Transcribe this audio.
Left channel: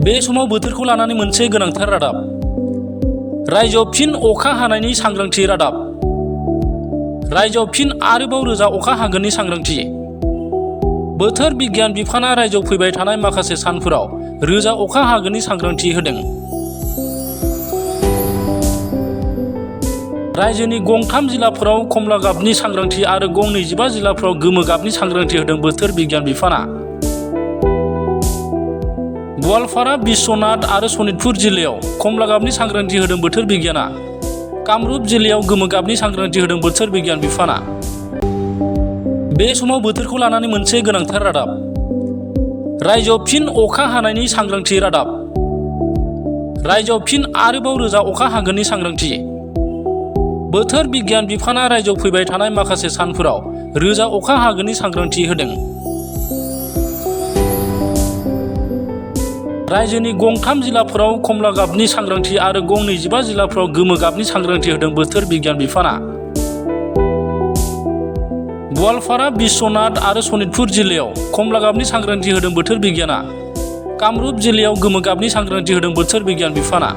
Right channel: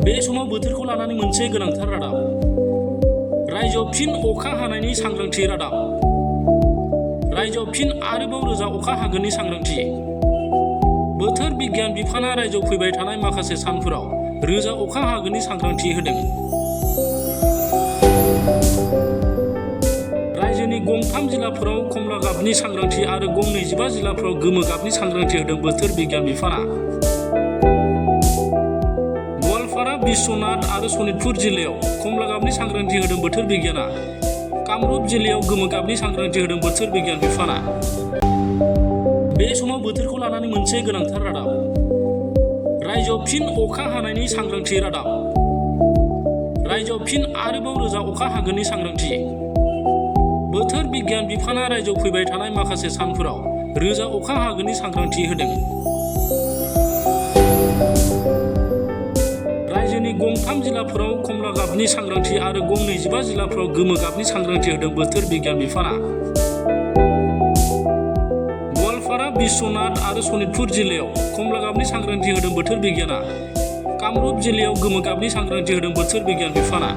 बे समाव बोथोरखौ लानानै मोनसे गोनांथार रादाब। रायजोआव फिन अखा हानायनि सांग्रांथि रादाब। रायजोआव फिन आरोबाव रोजा अखा हागोननि सांग्रांथि। बोथोर बिगियान बिफाना रायजोआव फैबाय थानाय माखासे सानफोराव रोजा अखा हागोननि सांग्रांथि होदों। रायजोनि गं 3 जिल्लाफोराव कमला गाबनि सांग्रांथि आरो गं 25 जिल्लाफोराव गोमो गाबनि सांग्रांथि होदों बोथोर बिगियान बिफाना। गवालपारा, बिश्वनाथ आरो सनितपुर जिल्लायाव कमला गाबनि सांग्रांथि होदों बोथोर बिगियाना। कामरुप जिल्लायाव गोमो गाबनि सांग्रांथि होदों बोथोर बिगियान बिफाना। बे समाव बोथोरखौ लानानै मोनसे गोनांथार रादाब। रायजोआव फिन अखा हानायनि सांग्रांथि रादाब। रायजोआव फिन आरोबाव रोजा अखा हागोननि सांग्रांथि। बोथोर बिगियान बिफाना रायजोआव फैबाय थानाय माखासे सानफोराव रोजा अखा हागोननि सांग्रांथि होदों। रायजोनि गं 3 जिल्लाफोराव कमला गाबनि सांग्रांथि आरो गं 25 जिल्लाफोराव गोमो गाबनि सांग्रांथि होदों बोथोर बिगियान बिफाना। गवालपारा, बिश्वनाथ आरो सनितपुर जिल्लायाव कमला गाबनि सांग्रांथि होदों बोथोर बिगियाना। कामरुप जिल्लायाव गोमो गाबनि सांग्रांथि होदों बोथोर बिगियान बिफाना।